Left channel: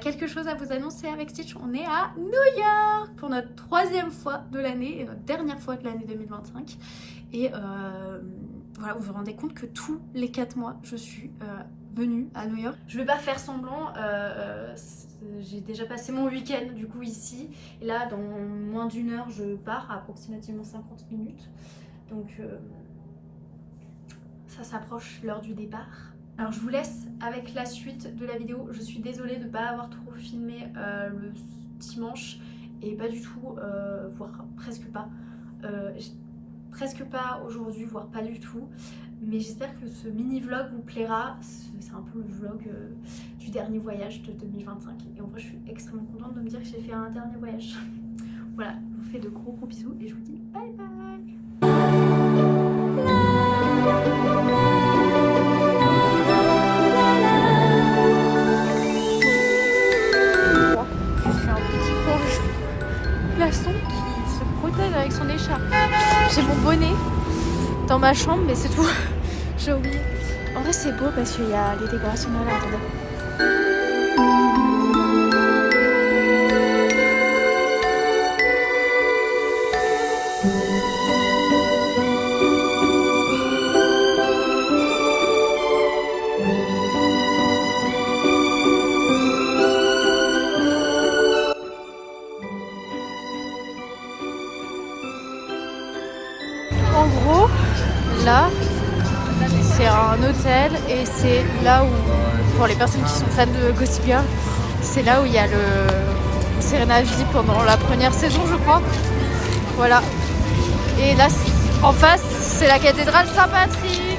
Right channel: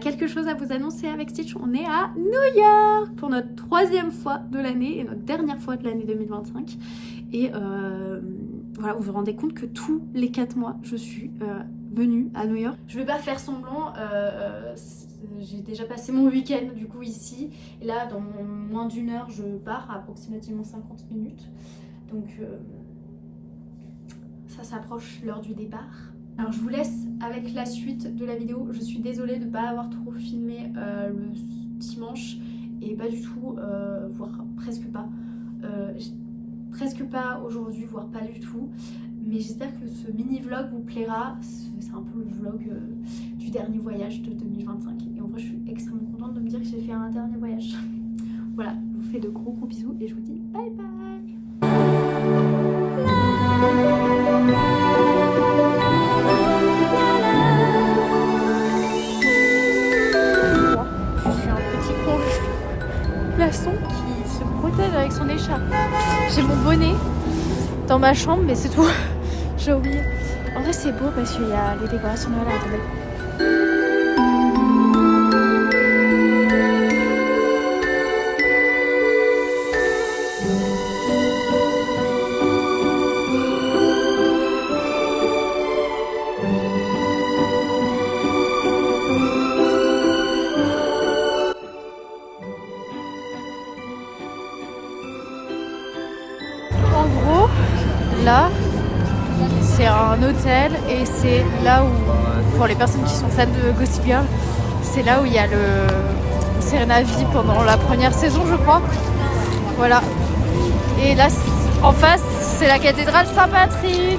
quelque chose à vous annoncer avec Stitch. On est à New York pour notre 3e fois de l'année et notre dernière fois de l'année 2025. Et voilà, vous vous rendez compte que tous les 4 mois, je suis venue à New York. Je vais pas faire semblant, j'ai déjà passé mon week-end du coup ici. Et là, dans moins d'1 heure, je pars, approximativement 50 minutes. Donc ça s'approche l'heure du départ. Alors je vous laisse avec la suite de la vidéo. Je suis désolée de ne pas avoir trop filmé le dimanche et pas du tout, voire presque pas aujourd'hui, voire pas du tout. Mais j'espère que ce mini vlog vous plaira. C'est un peu le vlog du dernier voyage de 2025. Et en vrai je suis extrêmement contente de me dire que j'ai fait un dernier voyage. Voilà, je vous fais de gros bisous et je vous dis bye bye. Glaçon qui se protège avec son écharpe. J'ai mon bonnet dans ma chambre mais c'est tout. J'ai oublié. En vrai c'est beau parce qu'il y a les décorations là, attendez. En gros, là, c'est un hôtel et c'est là où, pour les personnes qui sont fans de Gossip Girl, c'est là où il y a le Serena V pendant la première saison, je crois. Voilà. Et là, en face, c'est la cathédrale Saint-Patrick.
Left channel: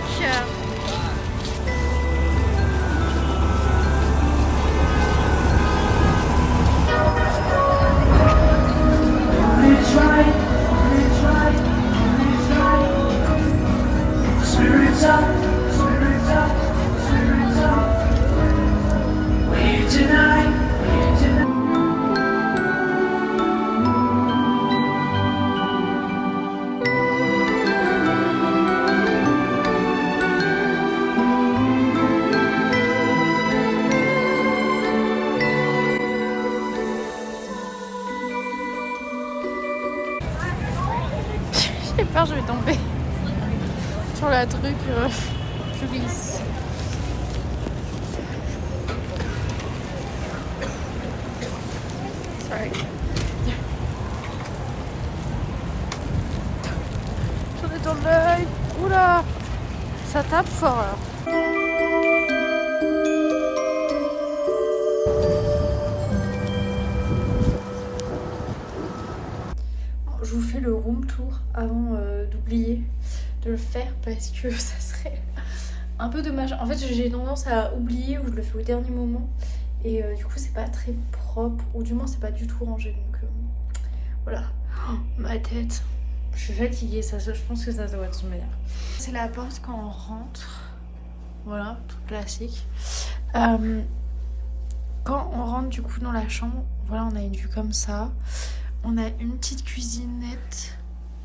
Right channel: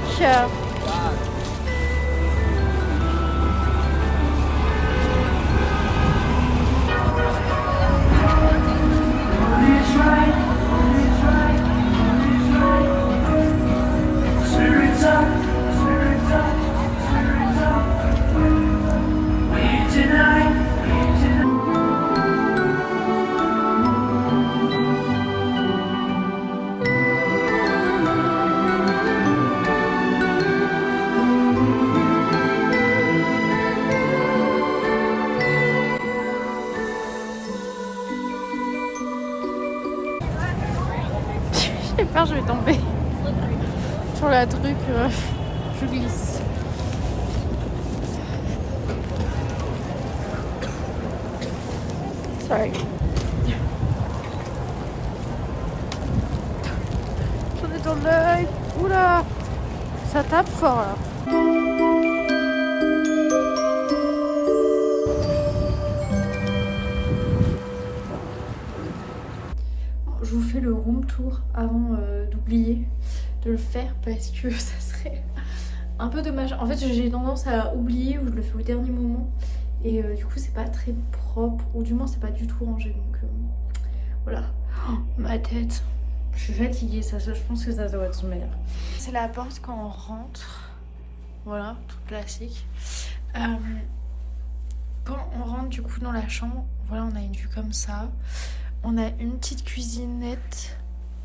J'ai peur, je vais tomber sur la truc, je glisse. Ouais. J'en ai dans l'œil. Oula, ça tape fort là. Je vous fais le room tour avant d'oublier de le faire parce que ça serait un peu dommage. En fait j'ai tendance à oublier ou je le fais au dernier moment et du coup c'est pas très propre ou du moins c'est pas du tout rangé donc voilà. Oh, ma tête, je suis fatiguée, ça, je pense que ça doit être son meilleur. C'est la porte quand on rentre, voilà, tout classique. Quand on rentre du coup dans la chambre, voilà, on a une vue comme ça. On a une petite cuisinette,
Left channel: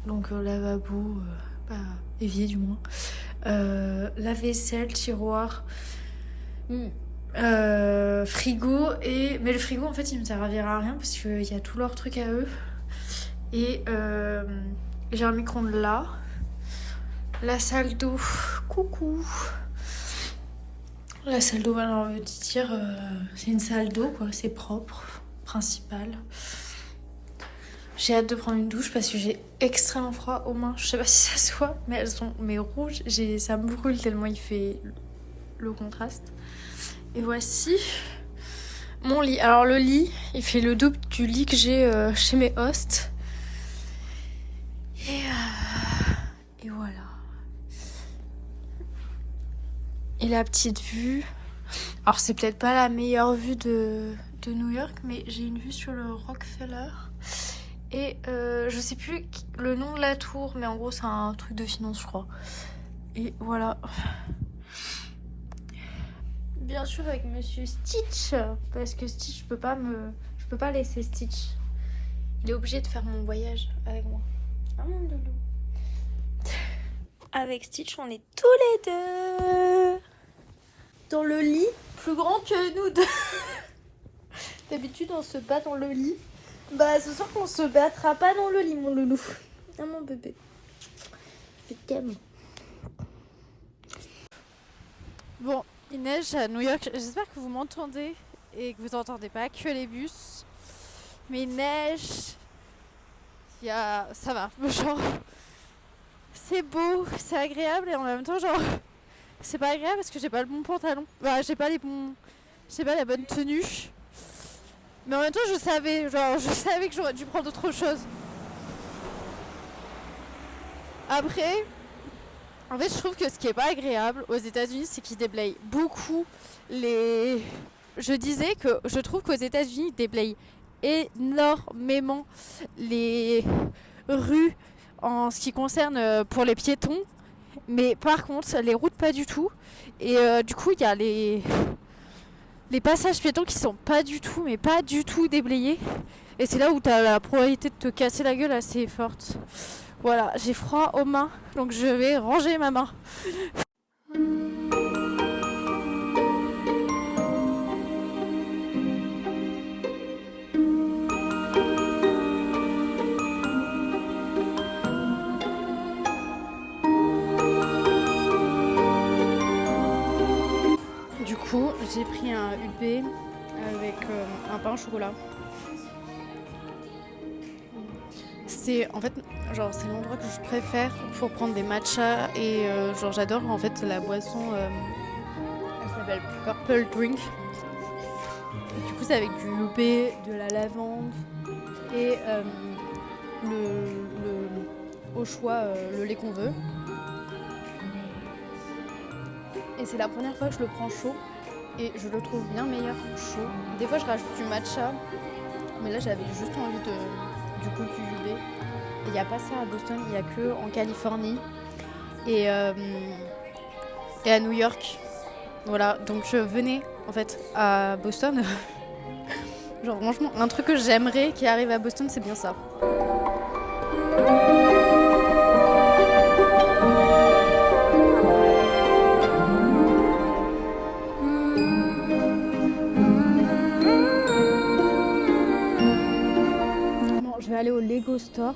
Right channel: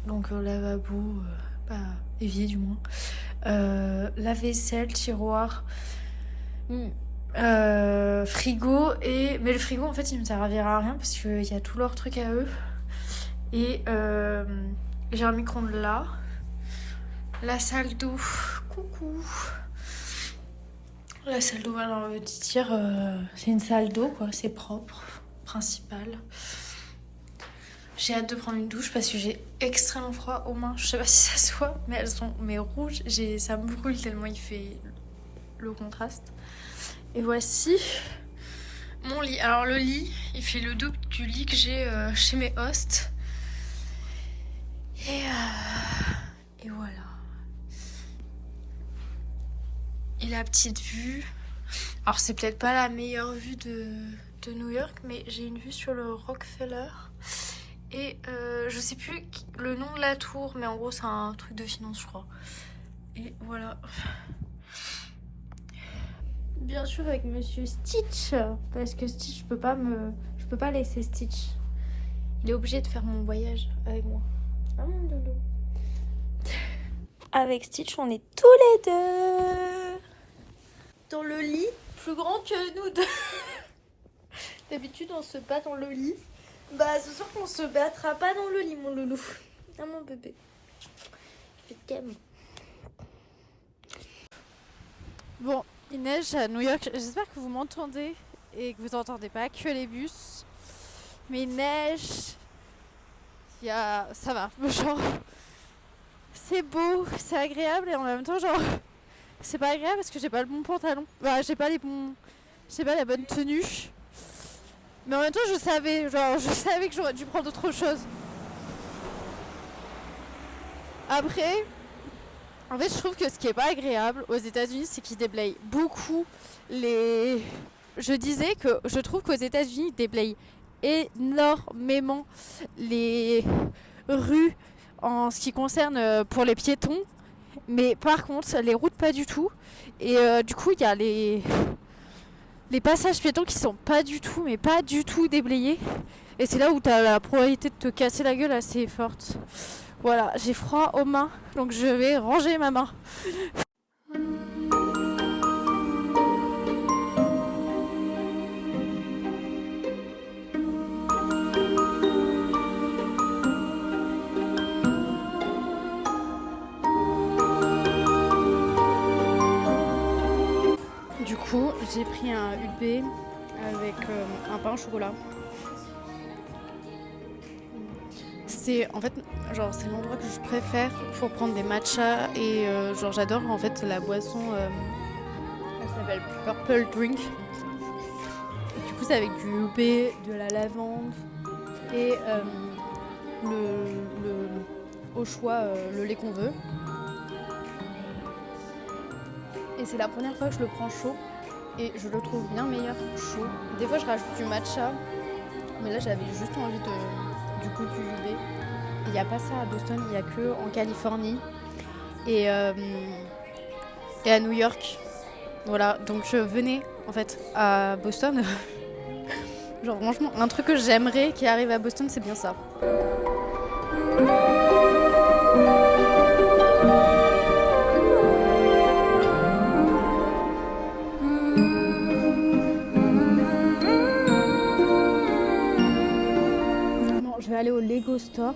donc lavabo, évier du moins, lave-vaisselle, tiroir, frigo, mais le frigo en fait il me servira à rien parce qu'il y a tous leurs trucs à eux. Et j'ai un micro-ondes là, la salle d'eau, coucou. La salle d'eau, alors le dire, c'est une salle d'eau quoi, c'est propre, principal. J'ai hâte de prendre une douche parce que j'ai extrêmement froid aux mains. Je sais pas si ça se voit, mais elles sont rouges. Ça me brûle tellement il fait le contraste. Et voici mon lit. Alors le lit, il fait le double du lit que j'ai chez mes hosts. Et voilà. Et la petite vue. Alors c'est peut-être pas la meilleure vue de New York, mais j'ai une vue sur le Rockefeller. Et je sais plus le nom de la tour, mais en gros c'est un truc de finance je crois. Et voilà. Bien sûr avec Monsieur Stitch, parce que Stitch je peux pas laisser Stitch. Il est obligé de faire mon voyage avec moi. Ah mon dodo. Avec Stitch on est tous les deux dans le lit plus grand que nous deux. D'habitude, on se bat dans le lit. Bah, ce soir, on se battra pas dans le lit, mon loulou. Ah, mon bébé. Je t'aime. Bon, il neige à New York. J'espère que vous m'entendez et que vous entendez pas que les bus. Mais il neige. Ça va. Genre, c'est beau, c'est agréable et en même temps, genre, c'est pas agréable parce que j'ai pas le bon pantalon. Bah, j'ai pas la bonne tenue. Mais en même temps, je savais que j'aurais dû prendre autre chose. Après, en fait, je trouve que ce qui est pas agréable aux États-Unis, c'est qu'ils déblayent beaucoup les. Je disais que je trouve qu'aux États-Unis, ils déblayent énormément les rues en ce qui concerne pour les piétons. Mais par contre, les routes, pas du tout. Et du coup, il y a les passages piétons qui sont pas du tout déblayés. Et c'est là où t'as la probabilité de te casser la gueule assez forte. Voilà, j'ai froid aux mains, donc je vais ranger ma main. Du coup, j'ai pris un UB avec un pain au chocolat. C'est en fait c'est l'endroit que je préfère pour prendre des matchas et j'adore en fait la boisson. Elle s'appelle Purple Drink. Et du coup c'est avec du UB, de la lavande et au choix le lait qu'on veut. Et c'est la première fois que je le prends chaud et je le trouve bien meilleur chaud. Des fois je rajoute du matcha, mais là j'avais juste envie du goût du UB. Il n'y a pas ça à Boston, il n'y a que en Californie et à New York. Voilà, donc venez en fait à Boston. Genre franchement, un truc que j'aimerais qui arrive à Boston, c'est bien ça. Bon, je vais aller au Lego Store.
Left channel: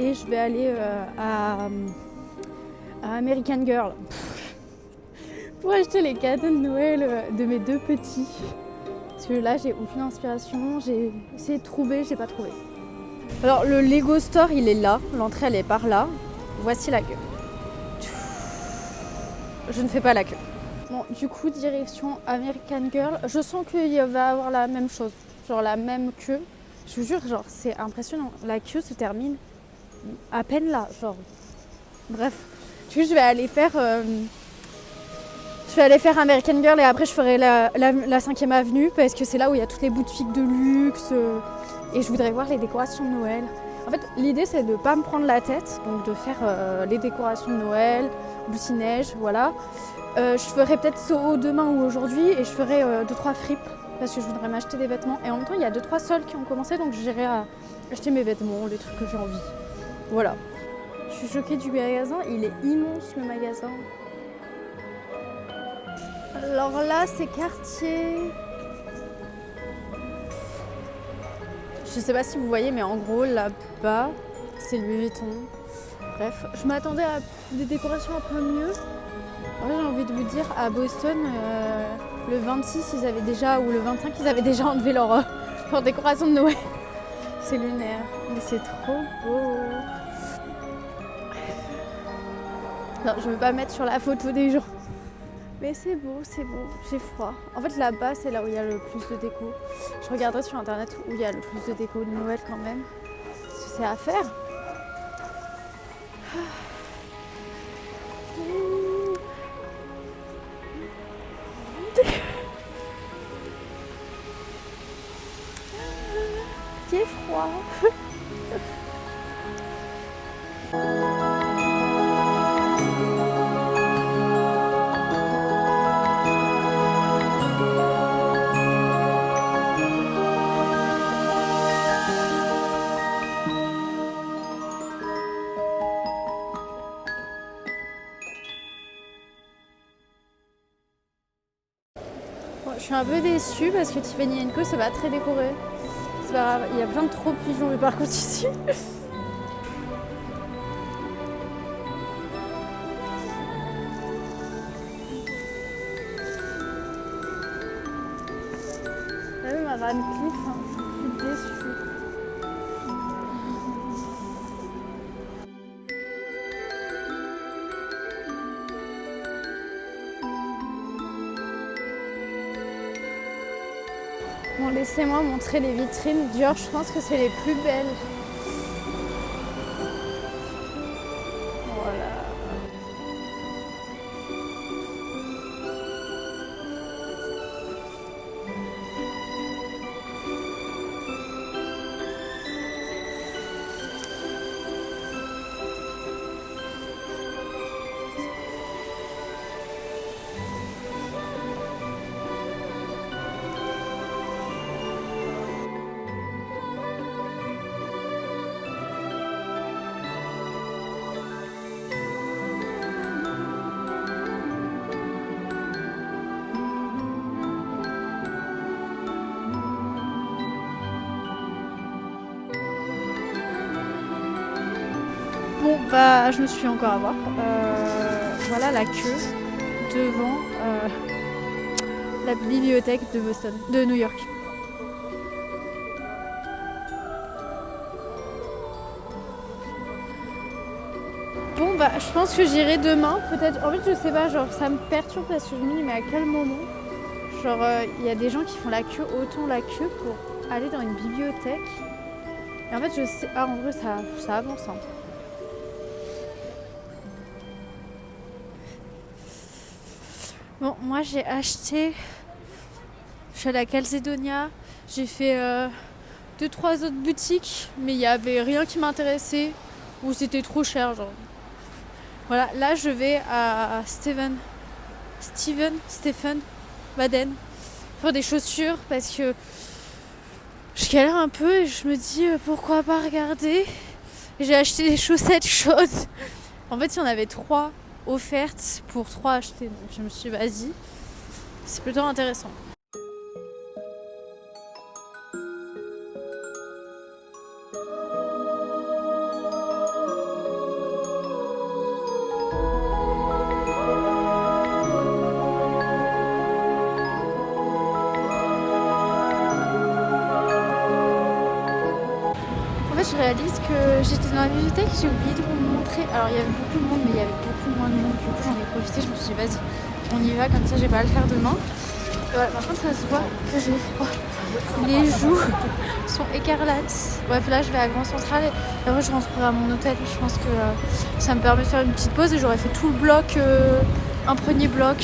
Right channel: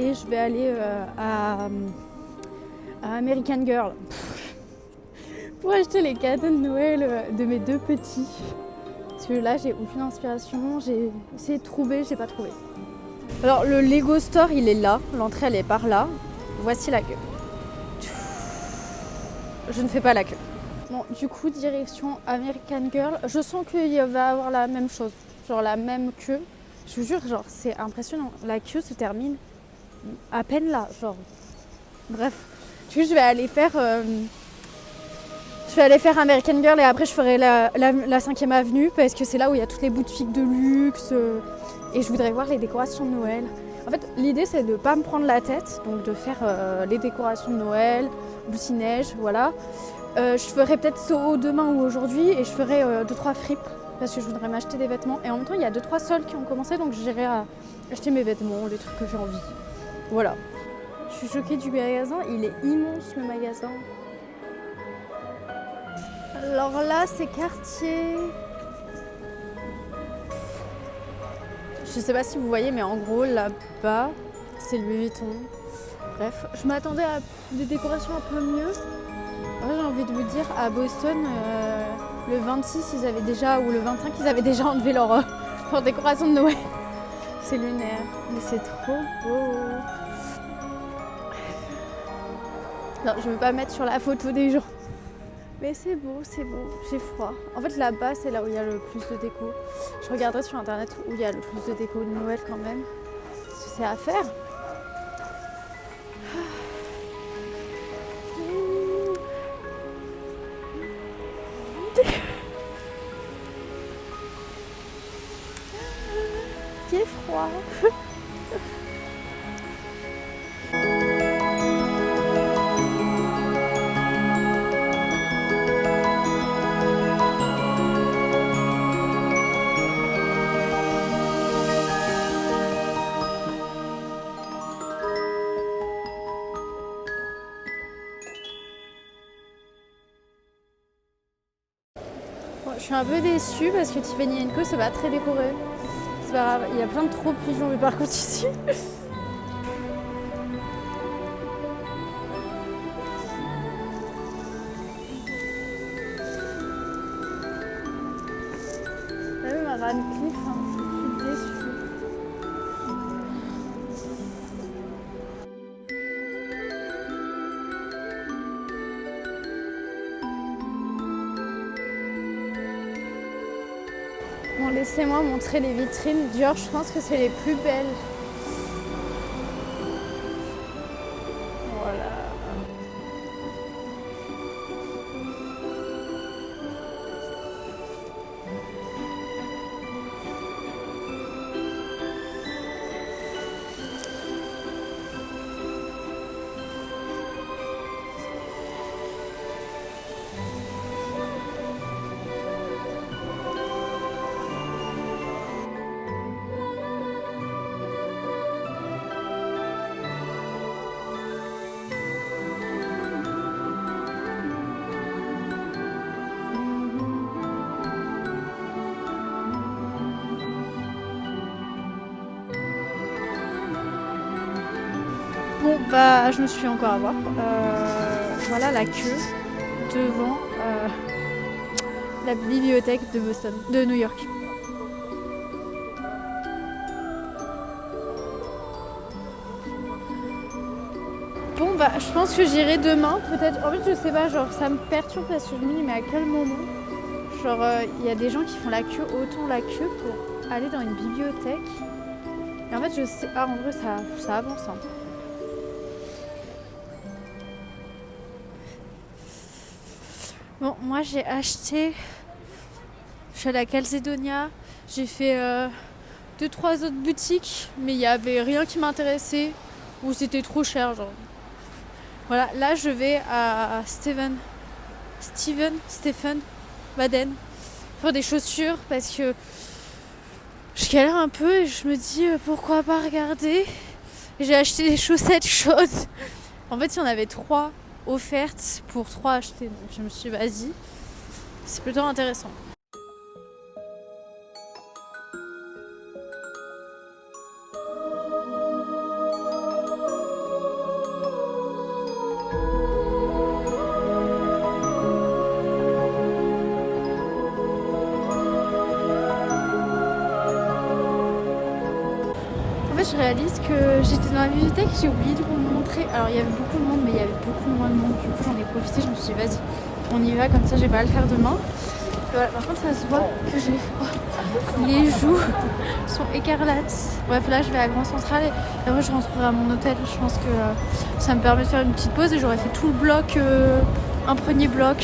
Et je vais aller à American Girl pour acheter les cadeaux de Noël de mes deux petits. Parce que là, j'ai aucune inspiration. J'ai essayé de trouver, j'ai pas trouvé. Alors, le Lego Store, il est là. L'entrée, elle est par là. Voici la queue. Je ne fais pas la queue. Bon, du coup, direction American Girl. Je sens qu'il va avoir la même chose. Genre la même queue. Je vous jure, genre, c'est impressionnant. La queue se termine à peine là, genre. Bref, du coup je vais aller faire American Girl et après je ferai la 5e avenue parce que c'est là où il y a toutes les boutiques de luxe et je voudrais voir les décorations de Noël. En fait, l'idée c'est de pas me prendre la tête, donc de faire les décorations de Noël, Lucie-Neige, voilà. Je ferai peut-être Soho demain ou aujourd'hui et je ferai 2-3 fripes parce que je voudrais m'acheter des vêtements et en même temps il y a 2-3 soldes qui ont commencé donc j'irai acheter mes vêtements, les trucs que j'ai envie. Voilà. Je suis choquée du magasin, il est immense le magasin. Alors là, c'est Cartier. Je sais pas si vous voyez, mais en gros, là-bas, c'est Louis Vuitton. Bref, je m'attendais à des décorations un peu mieux. Ouais, j'ai envie de vous dire, à Boston, le 26, ils avaient déjà, ou le 25, ils avaient déjà enlevé leur décoration de Noël. C'est lunaire, mais c'est trop beau. Non, je veux pas mettre sur la photo des gens. Mais c'est beau, j'ai froid. En fait, là-bas, c'est là où il y a le plus de déco. Je regarderai sur internet où il y a le plus de déco de Noël quand même. Parce que c'est à faire. J'ai froid. je suis un peu déçue parce que Tiffany & Co c'est pas très décoré. C'est pas grave, il y a plein de trop pigeons mais par contre ici. T'as vu ma Radcliffe, hein, je suis déçue. Bon, laissez-moi montrer les vitrines. Dior, je pense que c'est les plus belles. Voilà. Bon, bah, je me suis fait encore avoir. Voilà la queue devant la bibliothèque de Boston, de New York. Bon, bah, je pense que j'irai demain, peut-être. En fait, je sais pas, genre, ça me perturbe parce que je me dis, mais à quel moment? Genre, il y a des gens qui font la queue, autant la queue pour aller dans une bibliothèque. Et en fait, je sais. Ah, en vrai, ça avance, hein. Bon, moi j'ai acheté, je suis allée à Calzedonia, j'ai fait 2-3 autres boutiques, mais il n'y avait rien qui m'intéressait ou c'était trop cher, genre. Voilà, là je vais à Stephen Baden faire des chaussures parce que je galère un peu et je me dis pourquoi pas regarder. J'ai acheté des chaussettes chaudes. En fait, il y en avait 3 offertes pour 3 achetés, donc je me suis dit vas-y, c'est plutôt intéressant. En fait, je réalise que j'étais dans la bibliothèque, j'ai oublié de vous montrer. Alors, il y avait beaucoup de monde, mais il y avait beaucoup moins de monde. Du coup, j'en ai profité, je me suis dit, vas-y, on y va, comme ça, j'ai pas à le faire demain. Et voilà, par contre, ça se voit que j'ai froid. Les joues sont écarlates. Bref, là, je vais à Grand Central et après, je rentrerai à mon hôtel. Je pense que ça me permet de faire une petite pause et j'aurais fait tout le bloc, un premier bloc.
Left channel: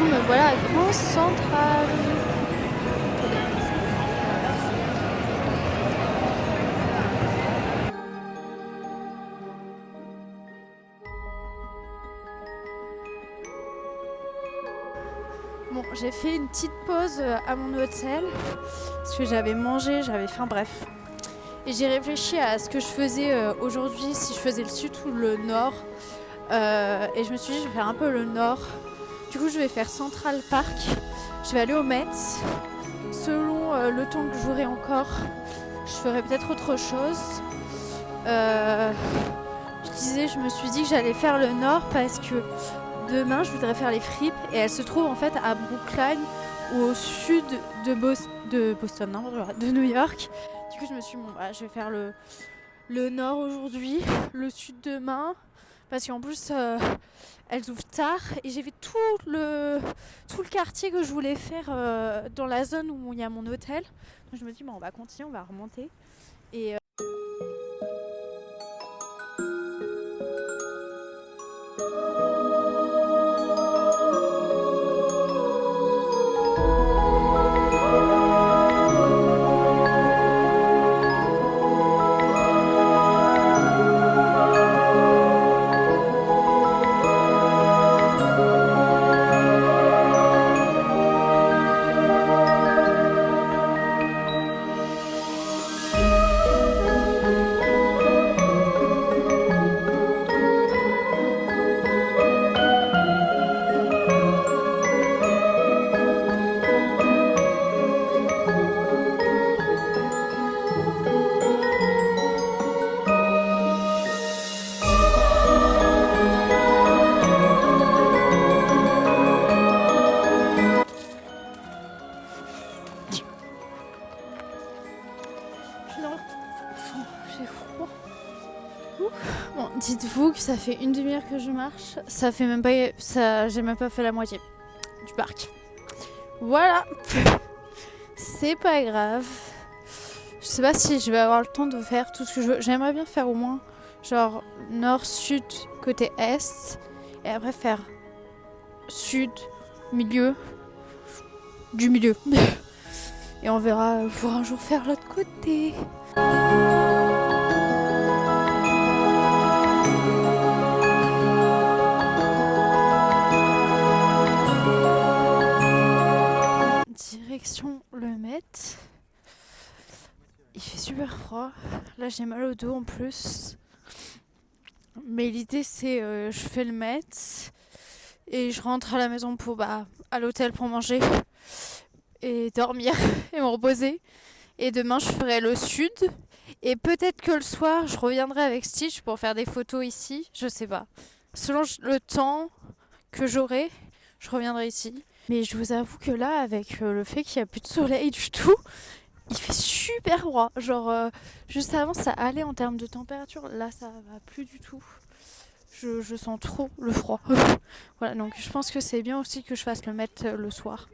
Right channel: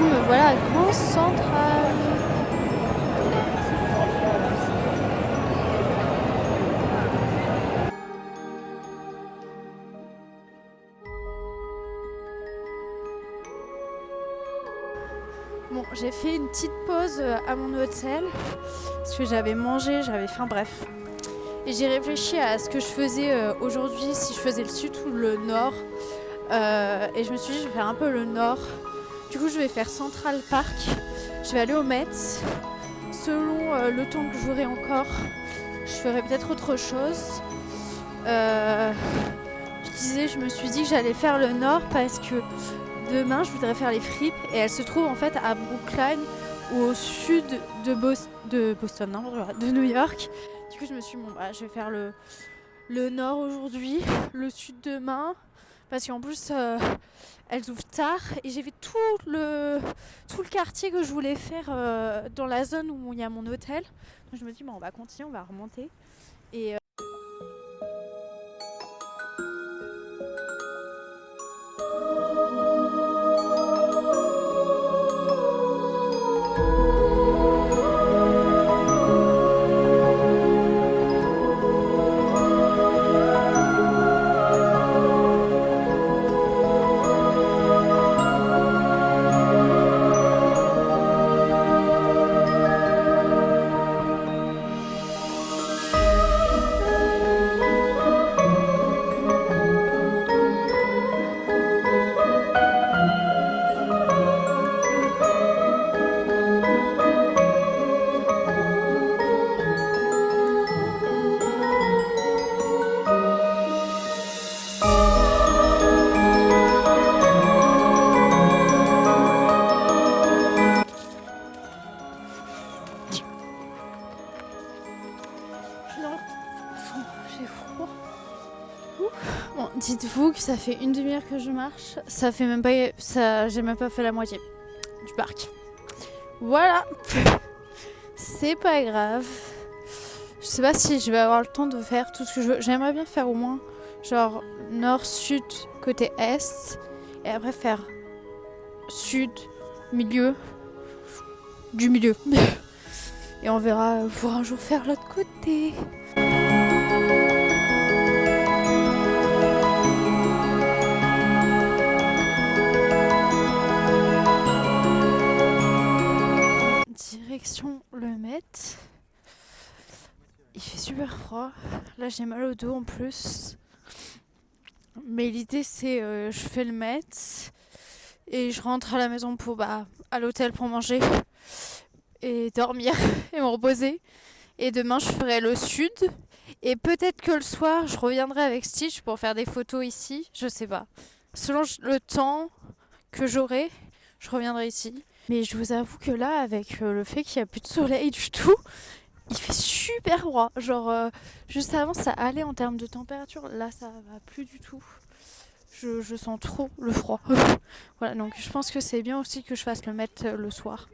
Me voilà à Grand Central. Bon, j'ai fait une petite pause à mon hôtel parce que j'avais mangé, j'avais faim, bref. Et j'ai réfléchi à ce que je faisais aujourd'hui, si je faisais le sud ou le nord. Et je me suis dit, je vais faire un peu le nord. Du coup, je vais faire Central Park. Je vais aller au Met. Selon le temps que j'aurai encore, je ferai peut-être autre chose. Je me suis dit que j'allais faire le nord parce que demain, je voudrais faire les fripes. Et elles se trouvent en fait à Brookline ou au sud de Boston, non, de New York. Du coup, je me suis dit, bon, bah, je vais faire le nord aujourd'hui, le sud demain. Parce qu'en plus, elles ouvrent tard et j'ai fait tout le quartier que je voulais faire dans la zone où il y a mon hôtel. Donc je me dis, bon, on va continuer, on va remonter. Et Dites-vous que ça fait une demi-heure que je marche. Ça fait même pas... J'ai même pas fait la moitié du parc. Voilà. C'est pas grave. Je sais pas si je vais avoir le temps de faire tout ce que je veux. J'aimerais bien faire au moins genre nord, sud, côté est. Et après faire sud, milieu, du milieu. Et on verra pour un jour faire l'autre côté. Direction le Met. Il fait super froid. Là j'ai mal au dos en plus. Mais l'idée c'est je fais le Met et je rentre à la maison pour à l'hôtel pour manger et dormir et me reposer. Et demain je ferai le sud. Et peut-être que le soir je reviendrai avec Stitch pour faire des photos ici. Je sais pas. Selon le temps que j'aurai, je reviendrai ici. Mais je vous avoue que là, avec le fait qu'il n'y a plus de soleil du tout, il fait super froid. Genre, juste avant, ça allait en termes de température. Là, ça va plus du tout. Je sens trop le froid. Voilà, donc je pense que c'est bien aussi que je fasse le mettre le soir.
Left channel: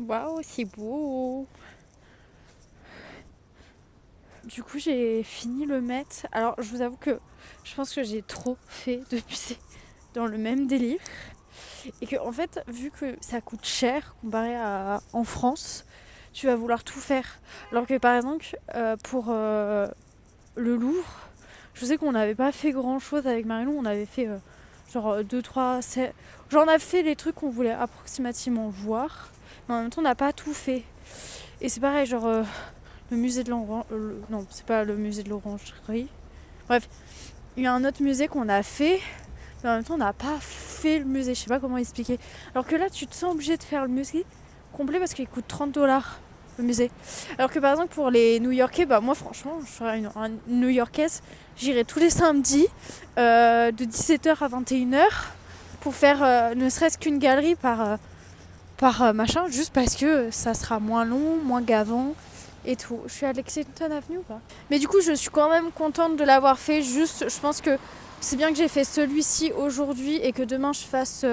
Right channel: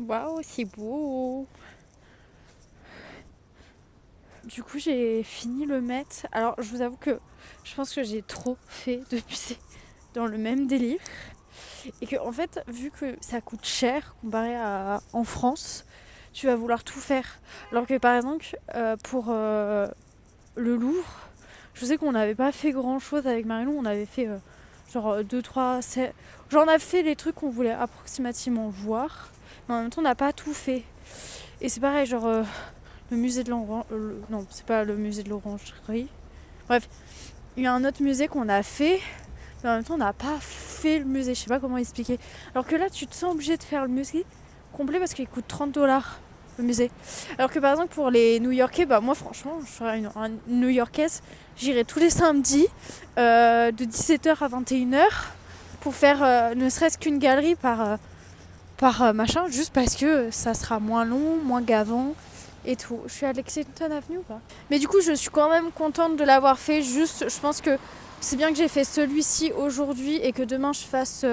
Waouh, c'est beau! Du coup, j'ai fini le Met. Alors, je vous avoue que je pense que j'ai trop fait depuis c'est dans le même délire. Et que, en fait, vu que ça coûte cher comparé à en France, tu vas vouloir tout faire. Alors que, par exemple, pour le Louvre, je sais qu'on n'avait pas fait grand chose avec Marilou. On avait fait genre 2-3... Genre, on a fait les trucs qu'on voulait approximativement voir. Mais en même temps, on n'a pas tout fait. Et c'est pareil, genre... le musée de l'orangerie. Non, c'est pas le musée de l'orangerie. Bref, il y a un autre musée qu'on a fait, mais en même temps, on n'a pas fait le musée. Je sais pas comment expliquer. Alors que là, tu te sens obligé de faire le musée complet parce qu'il coûte 30$ le musée. Alors que par exemple, pour les New-Yorkais, moi, franchement, je serais une New-Yorkaise. J'irais tous les samedis de 17h à 21h pour faire ne serait-ce qu'une galerie par machin, juste parce que ça sera moins long, moins gavant. Et tout. Je suis à Lexington Avenue ou pas? Mais du coup, je suis quand même contente de l'avoir fait. Juste, je pense que c'est bien que j'ai fait celui-ci aujourd'hui et que demain je fasse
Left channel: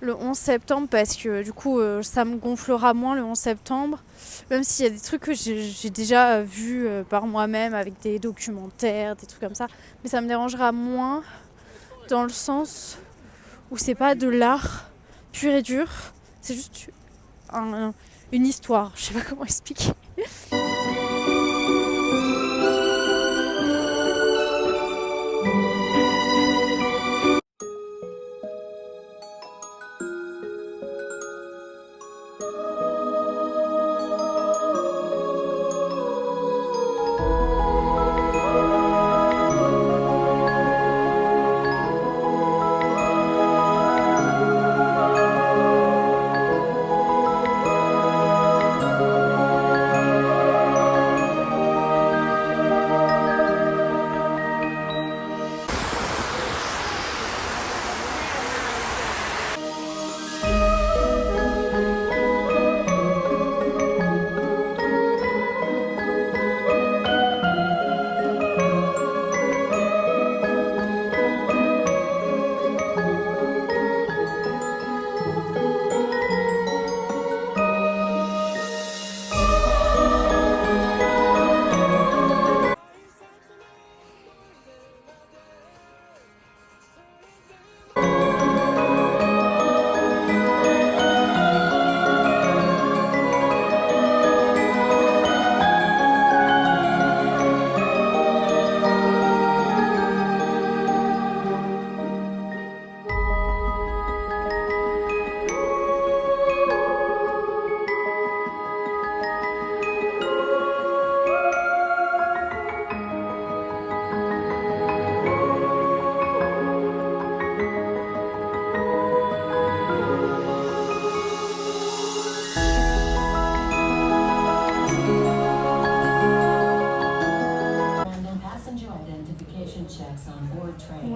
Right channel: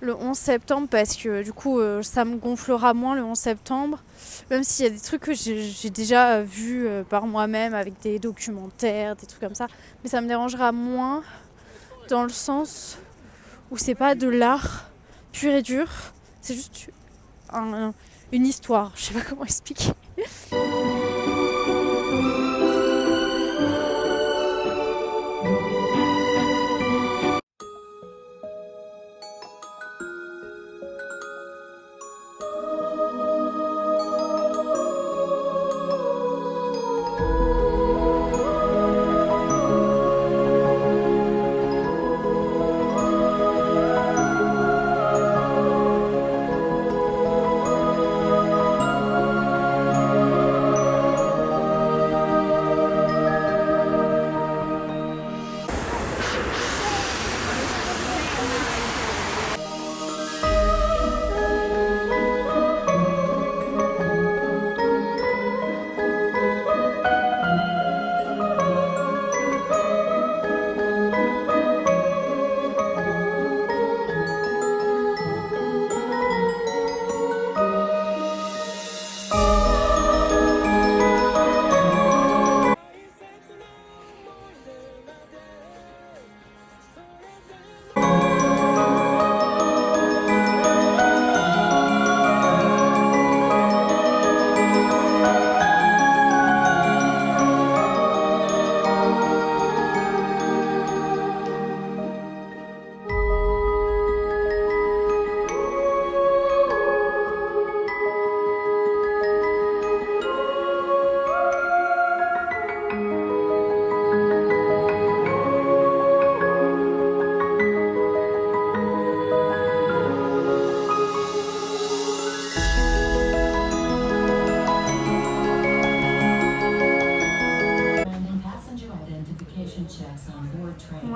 le 11 septembre parce que du coup, ça me gonflera moins le 11 septembre. Même s'il y a des trucs que j'ai déjà vus par moi-même avec des documentaires, des trucs comme ça. Mais ça me dérangera moins dans le sens où c'est pas de l'art pur et dur. C'est juste une histoire. Je sais pas comment expliquer.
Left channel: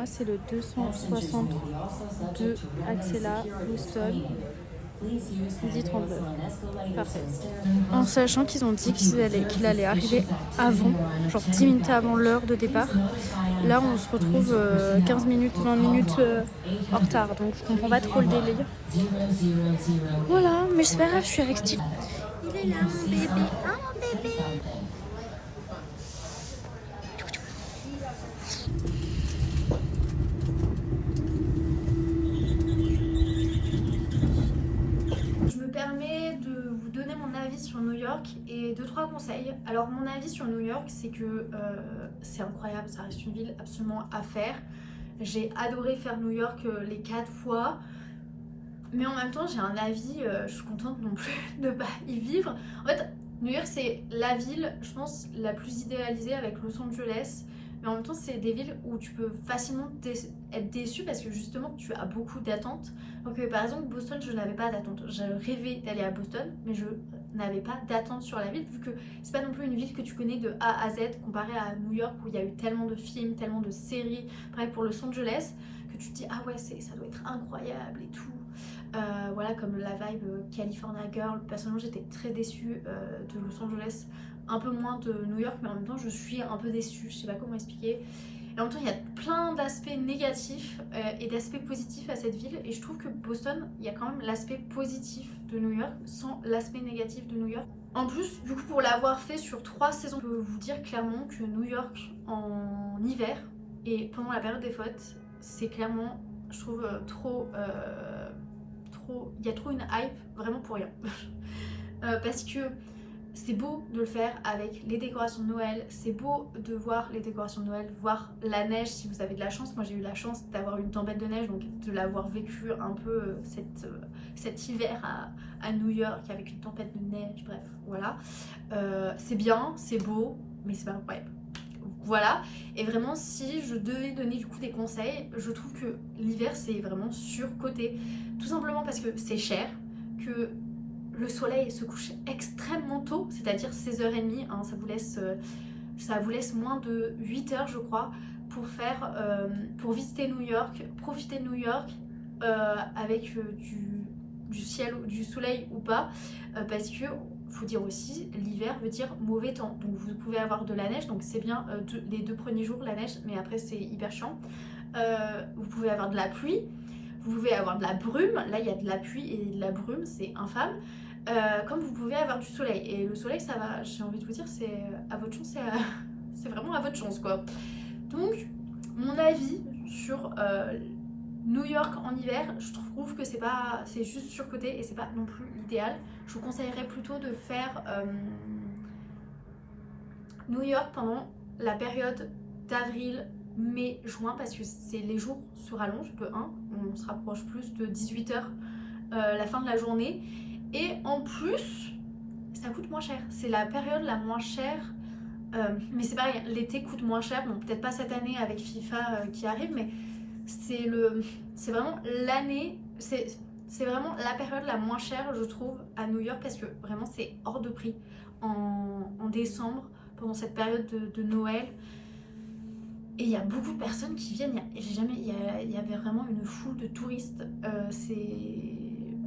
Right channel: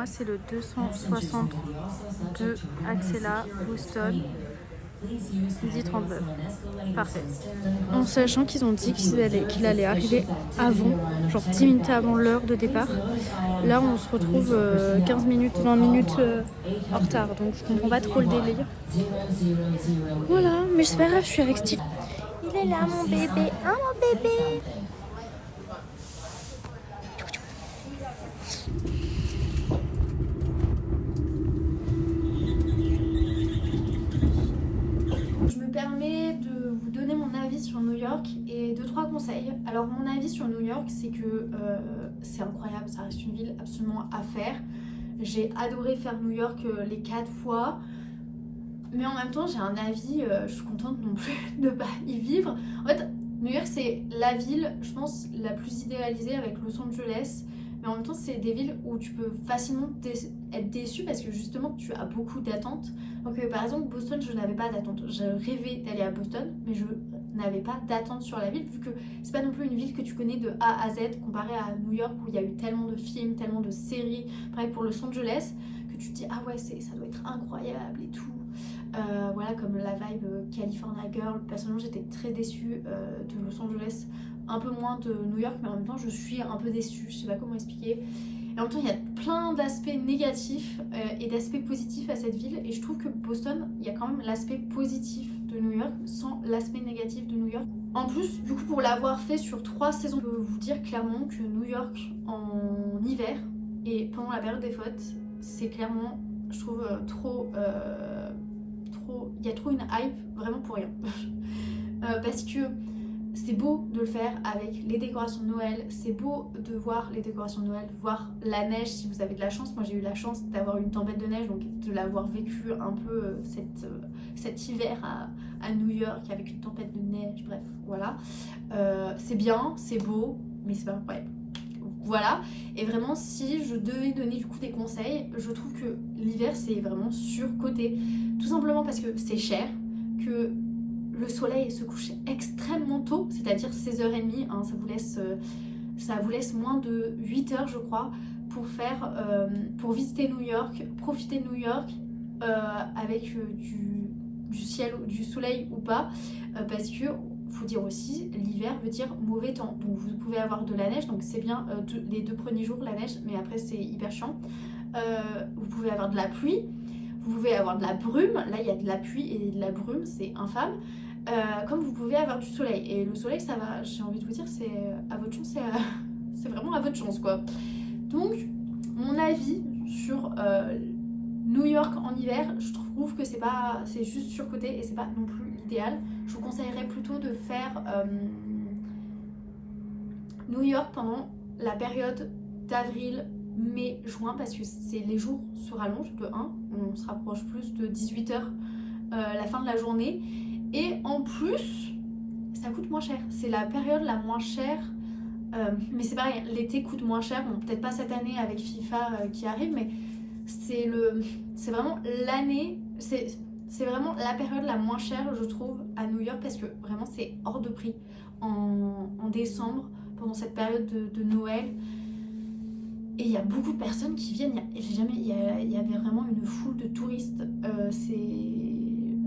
c'est le 262 Axela, Boston, 10h39. Parfait. En sachant qu'ils ont dit qu'il allait arriver avant, genre 10 minutes avant l'heure de départ. Là, on se retrouve 15 minutes, 20 minutes en retard. Donc, je comprends pas trop le délire. Voilà, mais c'est pas grave, je suis avec Style. Il est là, mon bébé. Ah, mon bébé. Je me permets de vous donner mon avis sur New York et 2-3 conseils. Alors mon avis sur New York, c'est que c'est incroyable, ça reste une ville absolument à faire. J'ai adoré faire New York les 4 fois. Mais en même temps, j'ai un avis, je suis contente non plus de pas y vivre. En fait, New York, c'est la ville, je pense, la plus idéalisée avec Los Angeles. Mais en même temps, c'est des villes où tu peux facilement être déçu parce que justement, tu as beaucoup d'attentes. Donc, par exemple, Boston, je n'avais pas d'attente. Je rêvais d'aller à Boston, mais je n'avais pas d'attente sur la ville vu que c'est pas non plus une ville que tu connais de A à Z comparé à New York où il y a eu tellement de films, tellement de séries. Pareil pour Los Angeles, que tu te dis, ah ouais, ça doit être incroyable et tout. Voilà, comme la vibe California Girl. Personnellement, j'étais très déçue de Los Angeles, un peu moins de New York, mais en même temps, je suis un peu déçue. Je sais pas comment expliquer. Et en même temps, il y a plein d'aspects négatifs et d'aspects positifs à cette ville. Et je trouve que Boston, il y a quand même l'aspect positif de New York sans l'aspect négatif de New York. En plus, du coup, pour l'avoir fait sur 3 saisons, je peux vous dire clairement que New York en hiver et pendant la période des fêtes, c'est clairement, je trouve, il y a trop une hype vraiment pour rien. Parce que c'est beau de le faire avec les décorations de Noël, c'est beau de voir les décorations de Noël, voir la neige si vous avez de la chance. Moi j'ai eu la chance d'avoir une tempête de neige, donc de l'avoir vécu un peu cet hiver à New York avec une tempête de neige, bref, voilà. C'est bien, c'est beau, mais c'est pas incroyable. Voilà, et vraiment si je devais donner du coup des conseils, je trouve que l'hiver c'est vraiment surcoté. Tout simplement parce que c'est cher, que le soleil se couche extrêmement tôt, c'est-à-dire 16h30, hein, ça vous laisse moins de 8 heures je crois pour visiter New York, profiter de New York avec du ciel, du soleil ou pas, parce que faut dire aussi, l'hiver veut dire mauvais temps, donc vous pouvez avoir de la neige, donc c'est bien les 2 premiers jours la neige, mais après c'est hyper chiant. Vous pouvez avoir de la pluie, vous pouvez avoir de la brume, là il y a de la pluie et de la brume, c'est infâme. Comme vous pouvez avoir du soleil, et le soleil ça va, j'ai envie de vous dire, c'est à votre chance, c'est vraiment à votre chance quoi. Donc mon avis sur New York en hiver, je trouve que c'est juste surcoté et c'est pas non plus l'idéal. Je vous conseillerais plutôt de faire New York pendant la période d'avril, mai, juin, parce que les jours se rallongent de 1, on se rapproche plus de 18h la fin de la journée, et en plus ça coûte moins cher, c'est la période la moins chère, mais c'est pareil, l'été coûte moins cher, bon peut-être pas cette année avec FIFA qui arrive, mais c'est vraiment l'année, c'est vraiment la période la moins chère je trouve à New York, parce que vraiment c'est hors de prix en décembre pendant cette période de Noël. Et il y a beaucoup de personnes qui viennent, il y avait vraiment une foule de touristes.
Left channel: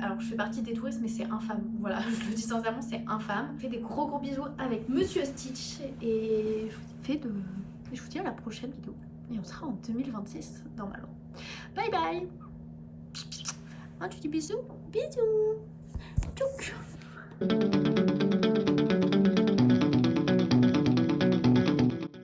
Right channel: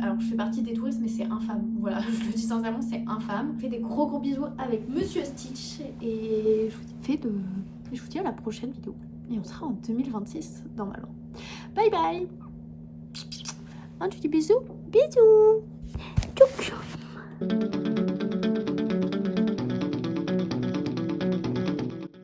Alors je fais partie des touristes mais c'est infâme, voilà, je le dis sincèrement, c'est infâme. Je fais des gros bisous avec Monsieur Stitch et je vous dis à la prochaine vidéo. Et on sera en 2026 normalement. Bye bye. Un petit bisou. Bisous. Tchouk.